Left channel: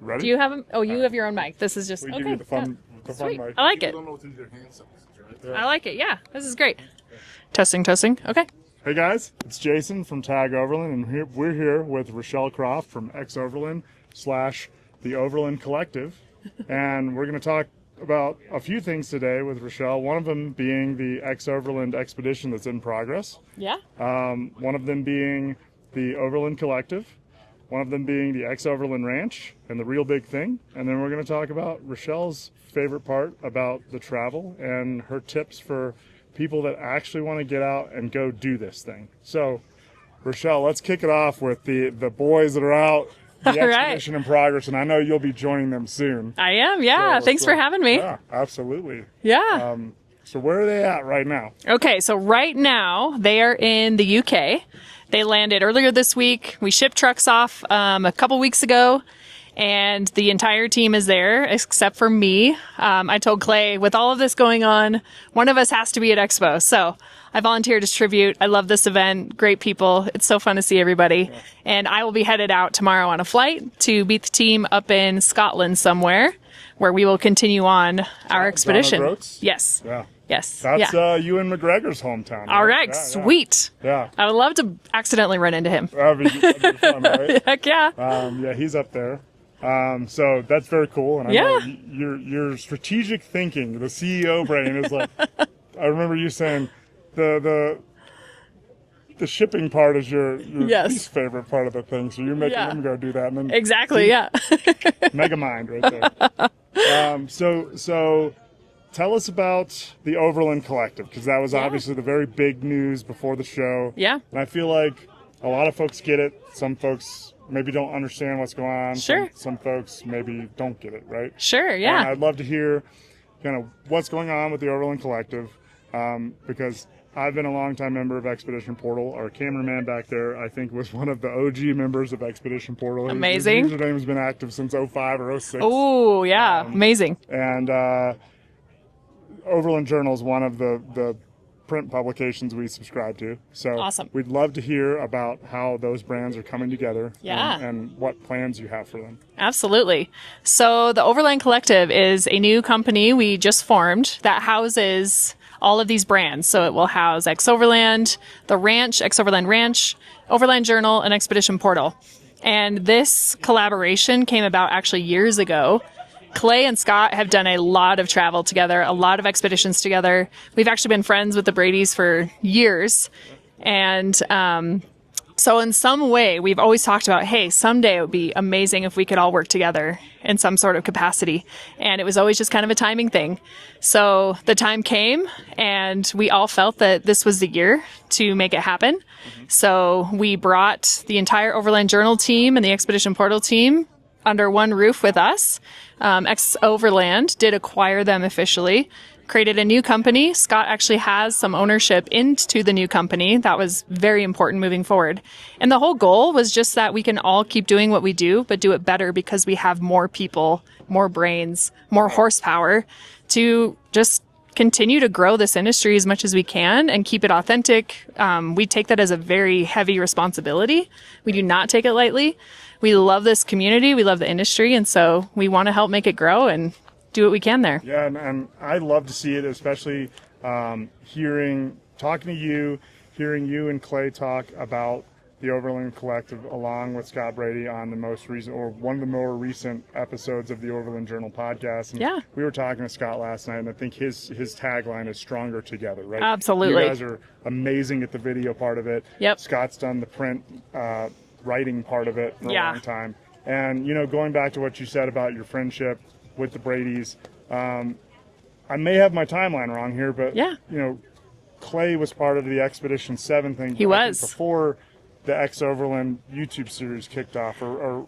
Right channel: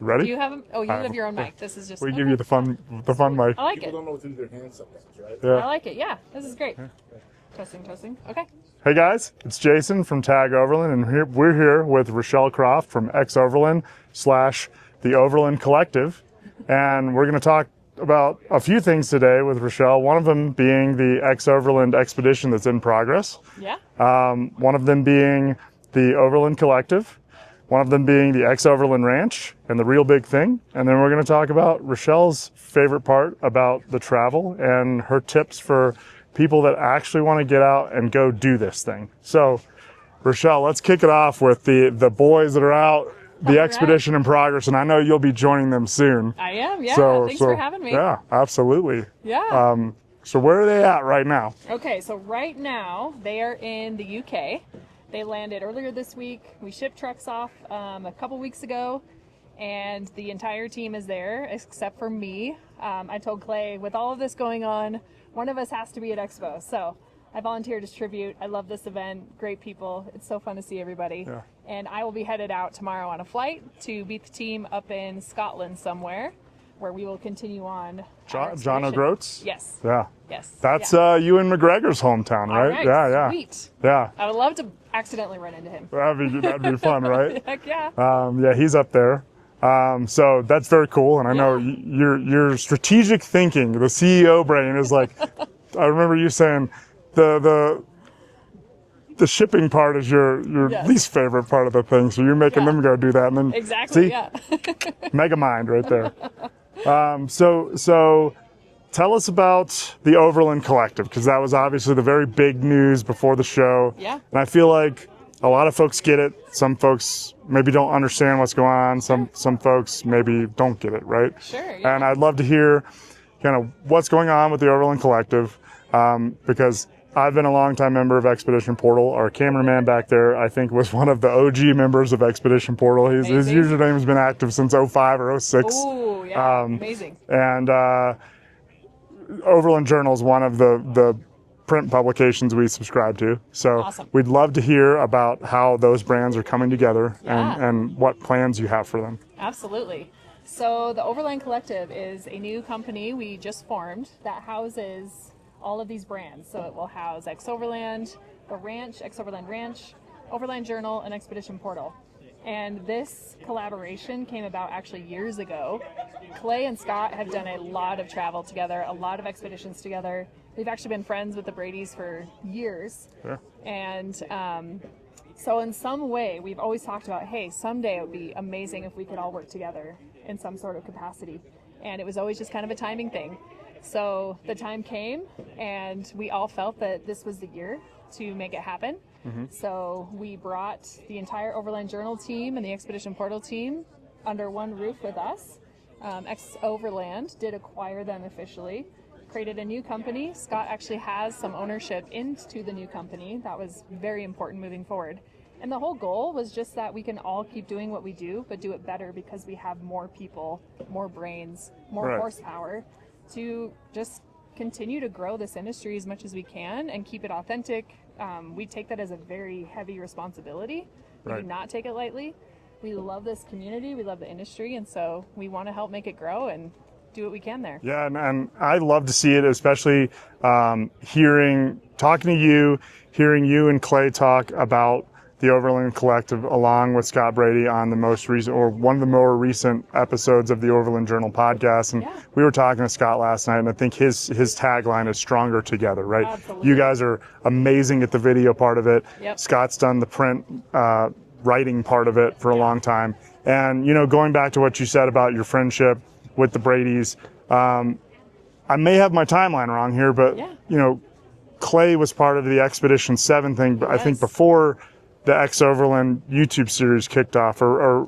Ready? Do you have them? Oh, you have your own mic. This is just. We okay. give you the fun mic. I like it. People don't know what to do with their hands sometimes, right? Yeah. I like it. Yeah, this is great. Testing. Okay. Hey guys, it's Jason from Tag Overland, and we're here with Rachelle Croft from XOverland / the Overland Collective, and we're going to talk about a few things today with Rachelle. One of them being the XOverland Expedition that's in progress. Yeah. One of them being the Overland Collective. One of them being the XOverland Ranch and the real big thing. And then we're going to talk about Rachelle's favorite part about the travel and her tips for people that actually want to get out and go do this thing. So, Rachelle, let's kick it off with the boys that are out, the expedition in progress, and I know you'll be joining them soon. I am, yeah. Thanks for having me. Yeah, absolutely. Yeah. So where are they at right now? Okay, so right now they are in the UK. They landed earlier this week. We shipped trucks off a couple weeks ago, and the entire team is there except for me. I told Clay, with all of this going on, one of us has to be at Expo. So I volunteered as tribute. I love this event. Great people. It's so fun to see everybody. Yeah. And I will be headed out tomorrow on a flight to meet the team up in Scotland somewhere, where we will continue on our expedition. Yes. Yeah. Yes. That's Ewan McGregor's hometown, right? All right. Yeah, sweet. Yeah. I would love to accidentally run into him. That'd be fun, right? Heck yeah. Yeah, he's up there. So that's very cool. And I know your strategic thinking, the CEO brain is like, I remember you saying the shipping part is your least favorite part of the thing. So you're making them go do that. And then exactly. Yeah. mega mind right there. So tell us about the Overland Collective, because that was obviously the very big news before the show. Yeah. And I feel like a lot of folks get it. Some folks maybe don't understand what's going on. Sure. Some folks maybe don't get it, right? Sure, yeah. And I'd love to hear kind of what's going on with the Overland Collective, because I've been a longtime member of Expedition Portal. Our cameraman back there, I think, was one of the OG members of Expedition Portal. Amazing. His username has been active since 05 or 06. Oh, yeah. Amazing. And Overland Journal is one of the print publications we subscribe to. So awesome. We'd love to hear about how those brands are coming together Yeah. and what plans you have for them. Absolutely. So the Overland Collective is a new company we just formed that houses all of these brands. So it will house XOverland, the Ranch, XOverland Ranch, Overland Journal, and Expedition Portal. And this collaboration came about actually years ago. Clay and Scott have done a lot of travel together, a lot of expeditions together. We've actually been friends with the Bradys for years. Sure. And so in some way, we've always talked about, hey, someday it would be amazing if we could all work together in some sort of capacity. And it was always just kind of a timing thing. So the time came, and we all felt that this was the year to make it happen. Mm-hmm. So we brought the entire Overland Journal team and the Expedition Portal team under one roof with us. XOverland did acquire them officially, created a new company. Scott actually has some ownership into the new company. That was very important moving forward. And the whole goal was just that we can all keep doing what we do, but do it better because we have more people, more brains, more horsepower to just continue to grow this industry as much as we can and keep it authentic. We take that as a very heavy responsibility. We do not take it lightly. We love this community. We love the industry. And so we want to help make it grow and do what we can there. Yeah, and I love to see it, especially hearing you and Clay talk about the Overland Collective along with Scott Brady on the most recent, or one of the more recent episodes of the Overland Journal podcast. And we were talking to Scott last night, and I think his tagline is "Stronger Together," right? Absolutely. You guys are amazing at the video part of it. Yep. Scott's done the print writing part of it for a long time. And, going back to what you said about your friendship with the Bradys, I may have my timeline wrong here, but, Clay was part of the Expedition 7 thing, I think before the XOverland YouTube series kicked off, or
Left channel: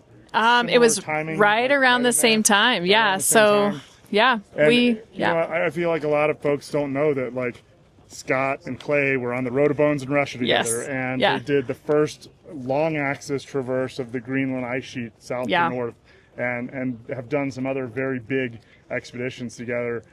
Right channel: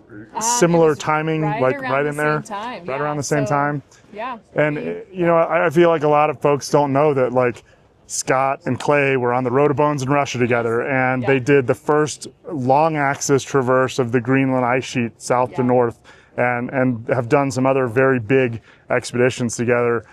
similar it was timing? Right around the same time. Yeah. Around the same time. Yeah. And, I feel like a lot of folks don't know that, like, Scott and Clay were on the Road of Bones in Russia together, and they did the first long axis traverse of the Greenland ice sheet south to north, and have done some other very big expeditions together,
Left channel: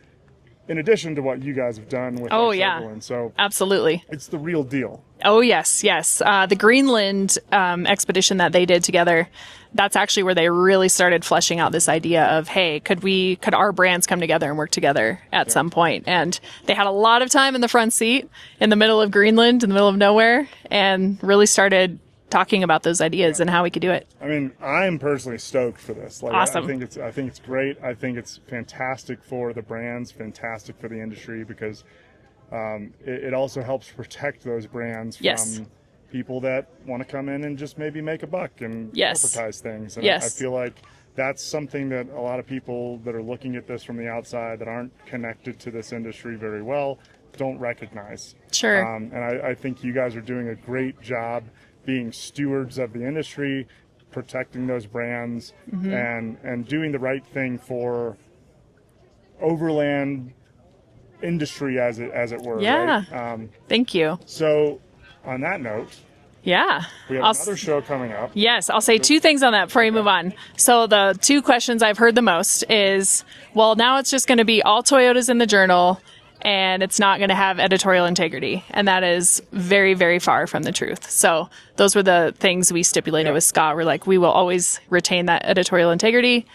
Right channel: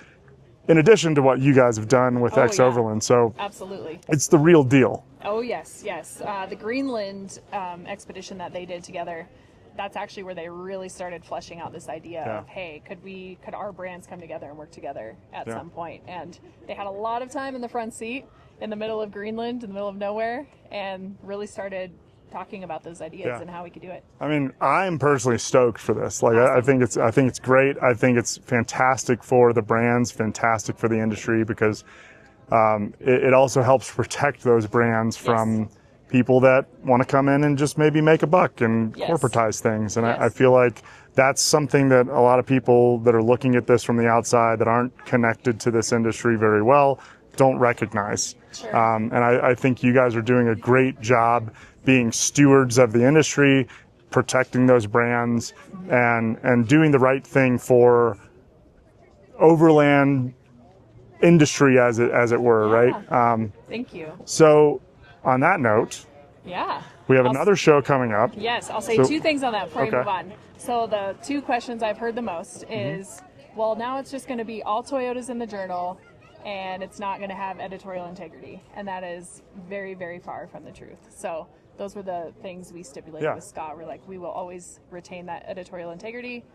in addition to what you guys have done with XOverland. So absolutely, it's the real deal. Oh yes. The Greenland expedition that they did together, that's actually where they really started fleshing out this idea of, hey, could our brands come together and work together at some point? And they had a lot of time in the front seat in the middle of Greenland, in the middle of nowhere, and really started talking about those ideas and how we could do it. I mean, I'm personally stoked for this. Like, Awesome. I think it's great. I think it's fantastic for the brands, fantastic for the industry, because it also helps protect those brands from people that want to come in and just maybe make a buck and corporatize things. And I feel like that's something that a lot of people that are looking at this from the outside that aren't connected to this industry very well don't recognize. Sure. And I think you guys are doing a great job being stewards of the industry, protecting those brands, and doing the right thing for Overland industry, as it were, right? Thank you. So on that note, we have I'll another show coming up. Yes, I'll say two things on that before we move on. So the two questions I've heard the most is, well, now it's just going to be all Toyotas in the journal, and it's not going to have editorial integrity. And that is very, very far from the truth. So those were the things we stipulated with Scott. We're like, we will always retain that editorial integrity,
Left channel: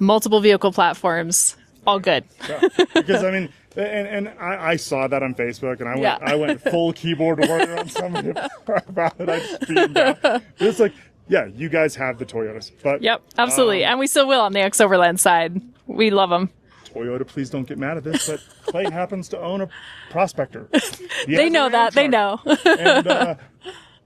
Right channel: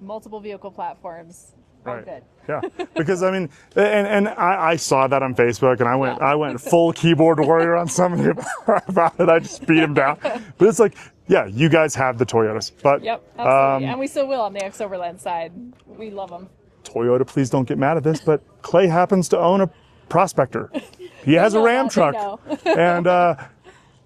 multiple vehicle platforms, all good. Yeah, because I mean, and I saw that on Facebook, and I went full keyboard warrior on somebody about it. I just beat him down. But it's like, yeah, you guys have the Toyotas, but absolutely, and we still will on the XOverland side. We love them. Toyota, please don't get mad at this, but Clay happens to own a Prospector. He They has know a Ram that. truck, They know. and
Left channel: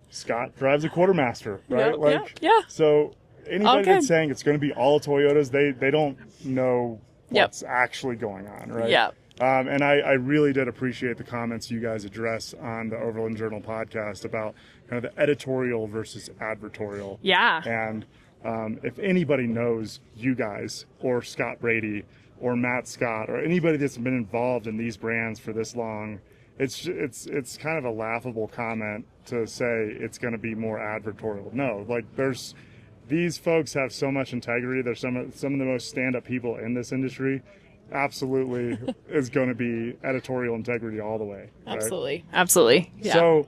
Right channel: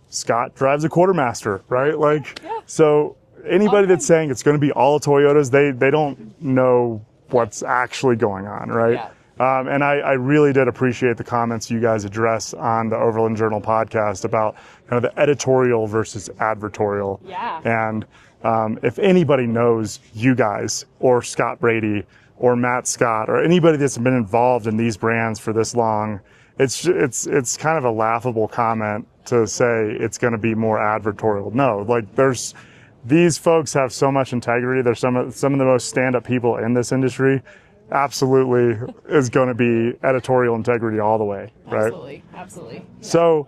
Scott drives a Quartermaster, right? So anybody that's saying it's going to be all Toyotas, they don't know what's actually going on, right? And I really did appreciate the comments you guys address on the Overland Journal podcast about kind of the editorial versus advertorial. And if anybody knows you guys or Scott Brady or Matt Scott or anybody that's been involved in these brands for this long, it's kind of a laughable comment to say it's going to be more advertorial. No, like these folks have so much integrity. They're some of the most stand-up people in this industry. Absolutely is going to be editorial integrity all the way, right? Absolutely. So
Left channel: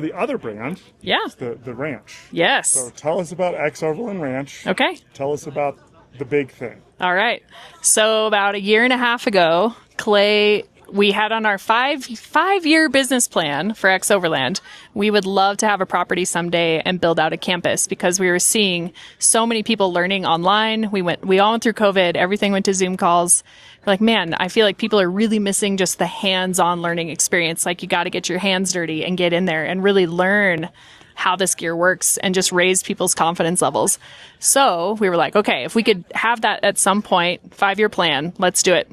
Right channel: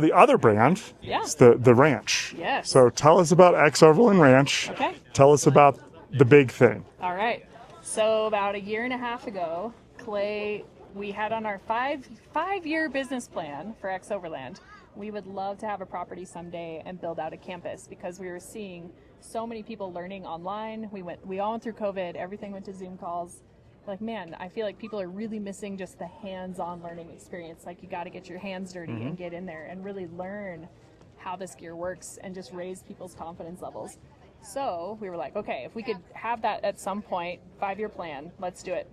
the other brand is the ranch. Yes. So tell us about XOverland Ranch. Okay. Tell us about the big thing. All right. So about a year and a half ago, Clay, we had on our five-year business plan for XOverland, we would love to have a property someday and build out a campus, because we were seeing so many people learning online. We all went through COVID. Everything went to Zoom calls. We're like, man, I feel like people are really missing just the hands-on learning experience. Like, you got to get your hands dirty and get in there and really learn how this gear works and just raise people's confidence levels. So we were like, okay, if we could have that at some point, 5-year plan, let's do it.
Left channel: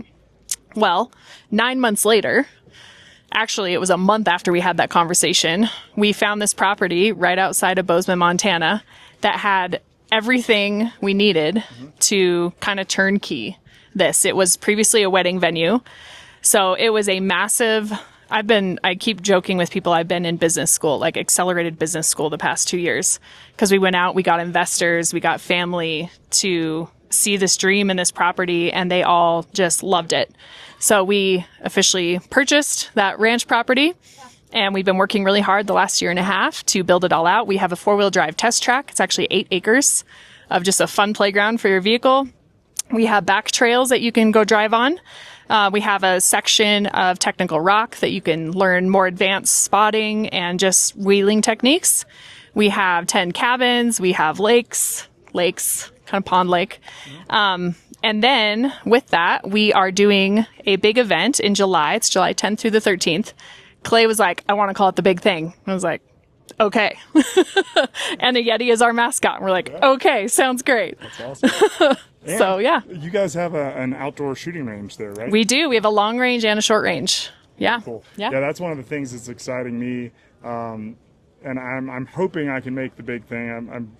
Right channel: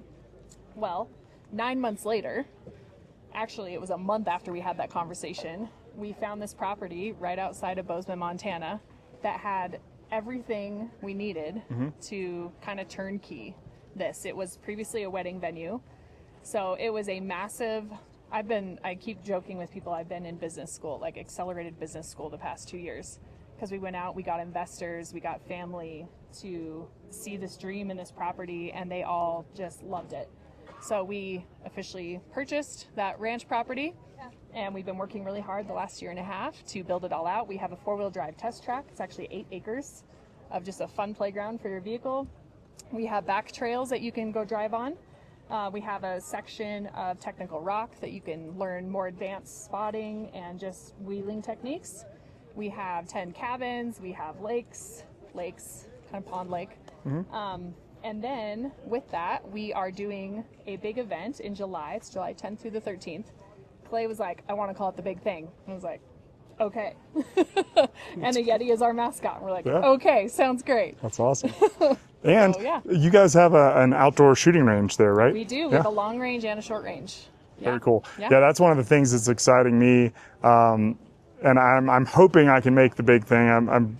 Well, 9 months later, actually it was a month after we had that conversation, we found this property right outside of Bozeman, Montana, that had everything we needed to kind of turnkey this. It was previously a wedding venue. So it was a massive, I keep joking with people, I've been in business school, like accelerated business school the past 2 years, because we went out, we got investors, we got family to see this dream in this property, and they all just loved it. So we officially purchased that ranch property, and we've been working really hard the last year and a half to build it all out. We have a 4-wheel drive test track. It's actually 8 acres of just a fun playground for your vehicle. We have back trails that you can go drive on. We have a section of technical rock that you can learn more advanced spotting and just wheeling techniques. We have 10 cabins. We have lakes, kind of pond lake. And then with that, we are doing a big event in July. It's July 10th through the 13th. Clay was like, I want to call it the big thing. I was like, okay. And a Yeti is our mascot. And we're like, okay, sounds great. That's awesome. And so, you guys have an outdoor shooting range there, right? We do. We have a long range and a short range. Very cool. Yeah, that's one of the things that's exciting me. And I'm hoping I can make the big thing. I'm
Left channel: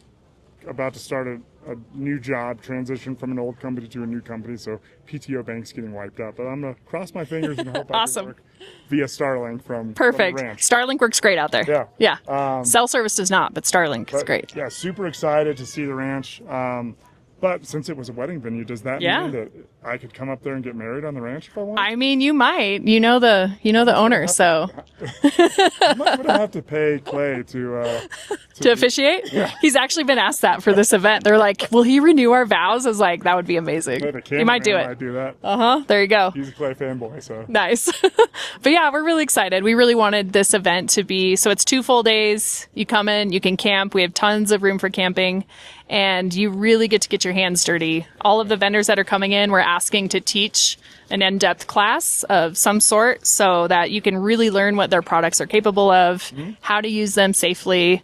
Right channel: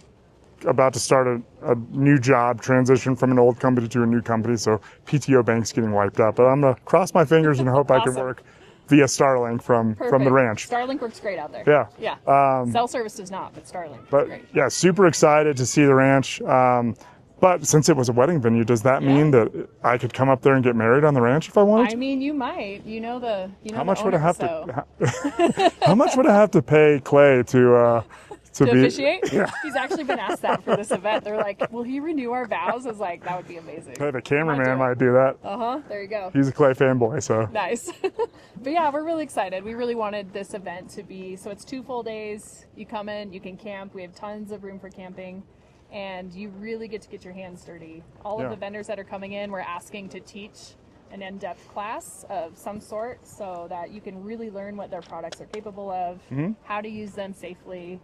about to start a new job, transition from an old company to a new company, so PTO bank's getting wiped out. But I'm going to cross my fingers and hope I can work via Starlink from the ranch. Starlink works great out there. Yeah. Cell service does not, but Starlink is great. Yeah, super excited to see the ranch. But since it was a wedding venue, does that Yeah. mean that I could come up there and get married on the ranch if I wanted? I mean, you might. You know the owner, so How much would I have to pay Clay to to officiate? Yeah. He's actually been asked that for this event. They're like, "Will he renew our vows?" I was like, "That would be amazing." The You might do cameraman it. might do that. There you go. He's a Clay fanboy, so. Nice. But yeah, we're really excited. We really wanted this event to be, so it's 2 full days. You come in, you can camp. We have tons of room for camping, and you really get to get your hands dirty. All of the vendors that are coming in, we're asking to teach an in-depth class of some sort so that you can really learn what their products are capable of, how to use them safely.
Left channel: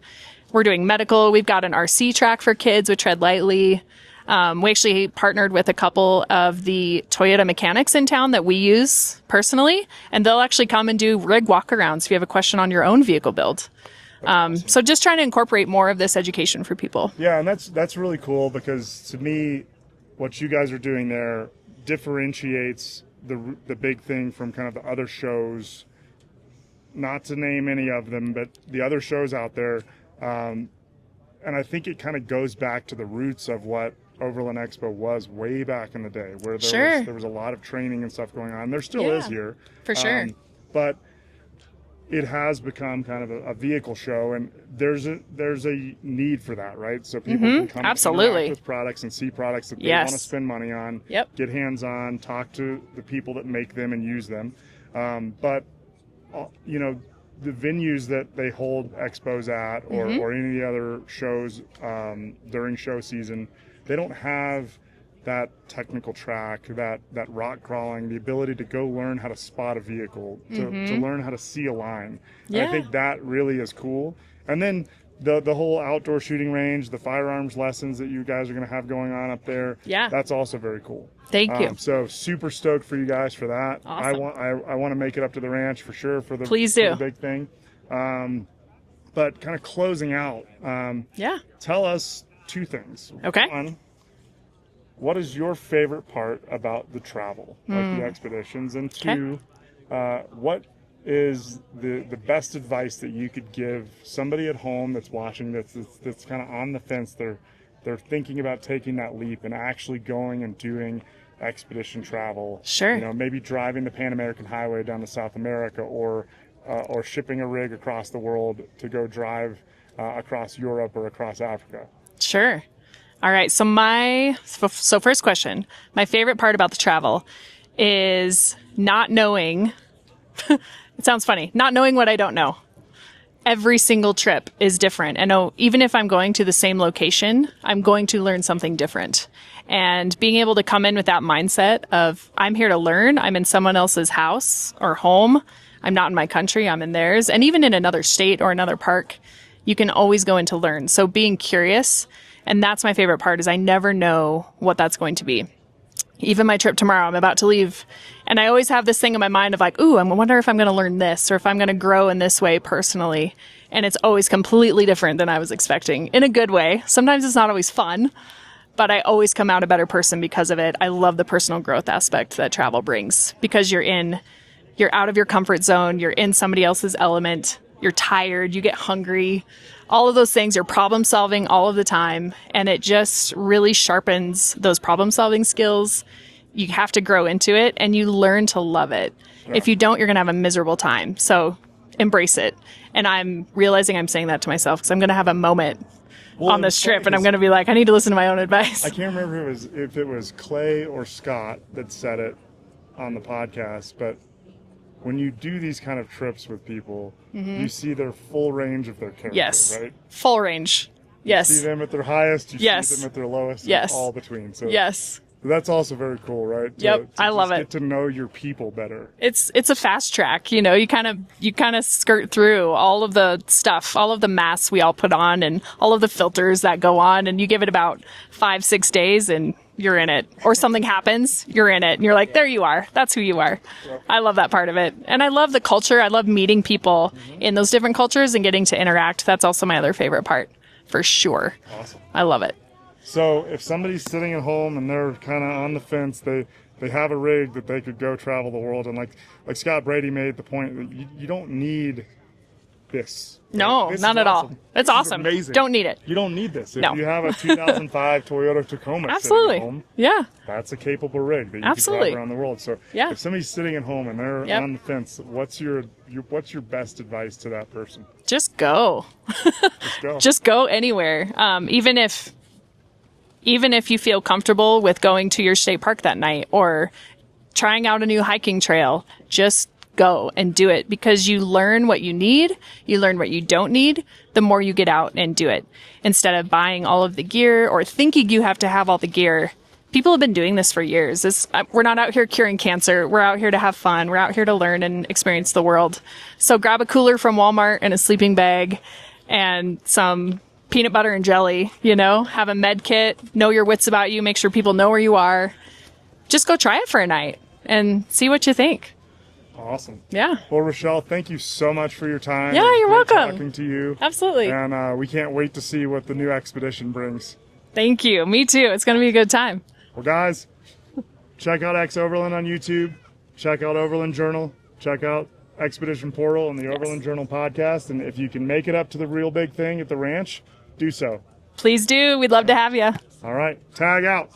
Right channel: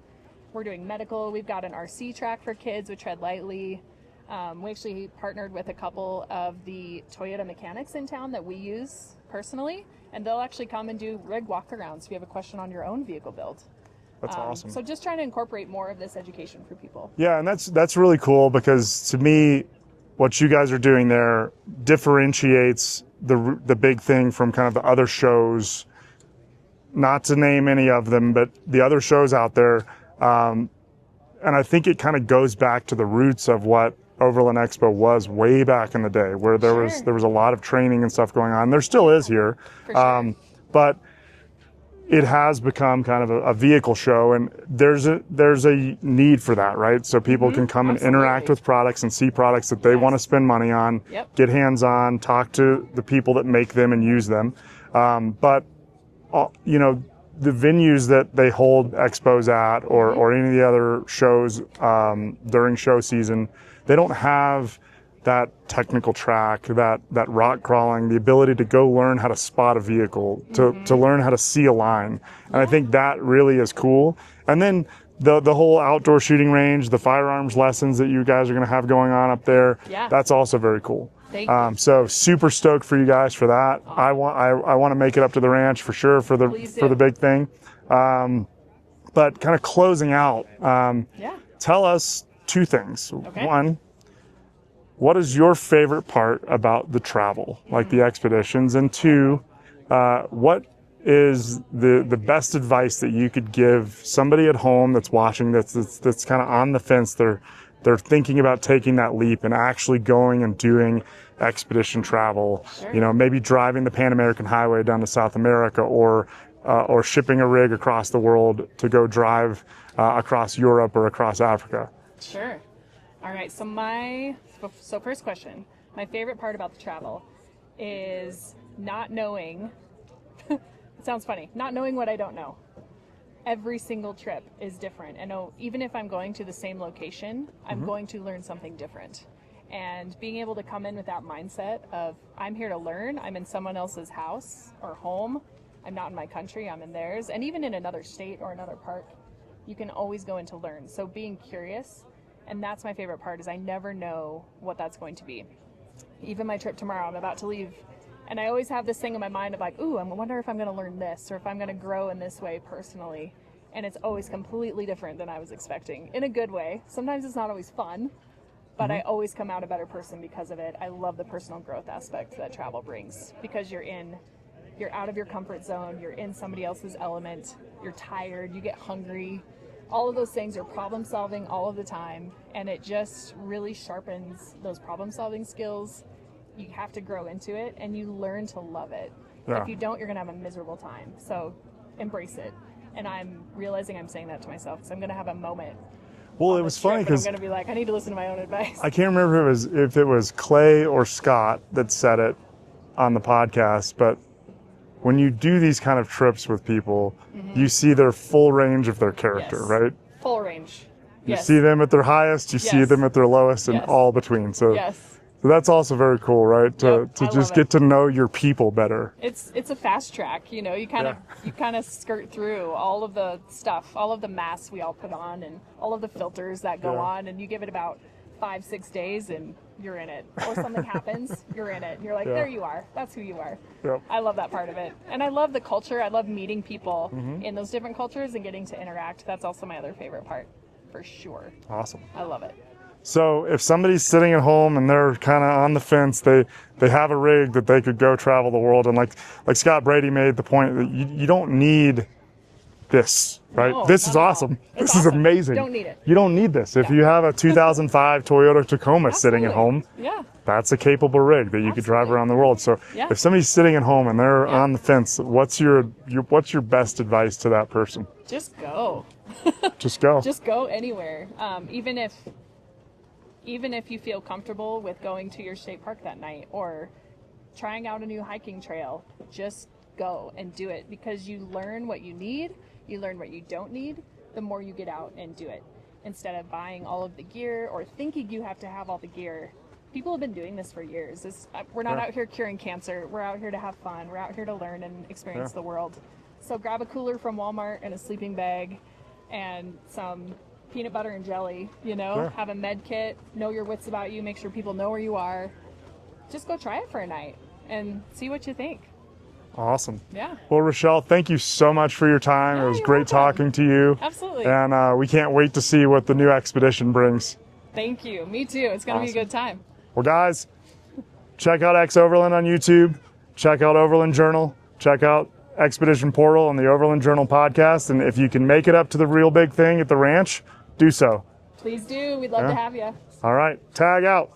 We're doing medical. We've got an RC track for kids with Tread Lightly. We actually partnered with a couple of the Toyota mechanics in town that we use personally, and they'll actually come and do rig walkarounds if you have a question on your own vehicle build. Awesome. So just trying to incorporate more of this education for people. Yeah, and that's really cool because to me, what you guys are doing there differentiates the big thing from kind of the other shows. Not to name any of them, but the other shows out there. And I think it kind of goes back to the roots of what Overland Expo was way back in the day, where there was a lot of training and stuff going on. There still is here, for sure. But it has become kind of a vehicle show, and there's a need for that, right? So people can come Absolutely. and interact with products and see products that they want to spend money on, get hands on, talk to the people that make them and use them. But you know, the venues that they hold expos at, or any of the other shows during show season, they don't have that technical track, that rock crawling, the ability to go learn how to spot a vehicle, to learn how to see a line. And I think that really is cool. And then the whole outdoor shooting range, the firearms lessons that you guys are going to have going on up there, that's also very cool. Thank you. So super stoked for you guys for that. Awesome. I want to make it up to the ranch for sure for the big thing. But kind of closing out, tell us 2 things. Okay. One, what is your favorite part about the travel, like the expeditions? And 2, what is the best advice that you could give somebody at home that's watching that's kind of on the fence? They're thinking about taking that leap and actually going and doing expedition travel. Sure. You know, maybe driving the Pan American Highway down to South America, or shipping a rig across the world to go drive across Europe or across Africa. Sure. All right. So first question. My favorite part about the travel is not knowing. It sounds funny. Not knowing what I don't know. Every single trip is different. And even if I'm going to the same location, I'm going to learn something different. And being able to come in with that mindset of I'm here to learn. I'm in someone else's house or home. I'm not in my country. I'm in theirs. And even in another state or another park, you can always go in to learn. So being curious. And that's my favorite part, is I never know what that's going to be. Even my trip tomorrow, I'm about to leave. And I always have this thing in my mind of like, ooh, I wonder if I'm going to learn this, or if I'm going to grow in this way personally. And it's always completely different than I was expecting, in a good way. Sometimes it's not always fun, but I always come out a better person because of it. I love the personal growth aspect that travel brings, because you're out of your comfort zone. You're in somebody else's element. You're tired. You get hungry. All of those things, you're problem solving all of the time, and it just really sharpens those problem solving skills. You have to grow into it, and you learn to love it. Yeah. If you don't, you're going to have a miserable time. So embrace it. And I'm realizing I'm saying that to myself, because I'm going to have a moment on this trip, and I'm going to be like, I need to listen to my own advice. I can't remember if it was Clay or Scott that said it on the podcast, but when you do these kind of trips with people, you see their full range of their character, right? Full range. You see them at their highest, you see them at their lowest, and all between. So that's also very cool, right? To just get to know your people better. It's a fast track, you know. You kind of skirt through all of the stuff, all of the masks we all put on, and all of the filters that go on, and you give it about 5-6 days, and you're in it. Or something happens, you're in it, and you're like, there you are. That's who you are. Yeah. I love that part of it, and I love the culture. I love meeting people in those different cultures and getting to interact. That's also my other favorite part, for sure. Awesome. I love it. So if somebody's sitting at home and they're kind of on the fence, they have a rig that they could go travel the world. And like Scott Brady made the point that you don't need this. No, right? This not is at all. awesome. It's this is awesome. amazing. Don't need it. You don't need this. If No. you have a 2005 Toyota Tacoma sitting Absolutely. at home, Yeah. that's a capable rig that you could Absolutely. drive around the world. So Yeah. if somebody's sitting at home and they're Yep. on the fence, what's your best advice to that person? Just go. Just go. Just go anywhere. Even if you feel comfortable with going to your state park that night or trying out a new hiking trail, just go and do it, because you learn what you need, you learn what you don't need, the more you get out and do it. Instead of buying all of the gear or thinking you have to have all the gear. People have been doing this for years. We're not out here curing cancer. We're out here to have fun. We're out here to learn and experience the world. So grab a cooler from Walmart and a sleeping bag and some peanut butter and jelly, have a med kit, know your wits about you, make sure people know where you are. Just go try it for a night and see what you think. Awesome. Yeah. Well, Rachelle, thank you so much for your time. Yeah, it was you're great welcome. talking to you. Absolutely. And we can't wait to see what the new expedition brings. Thank you. Me too. It's going to be a good time. Well, guys, check out XOverland on YouTube. Check out Overland Journal. Check out Expedition Portal on the Overland Journal podcast. And if you can make it up to the real big thing at the ranch, do so. Please do. We'd love to have you. All right, tag out.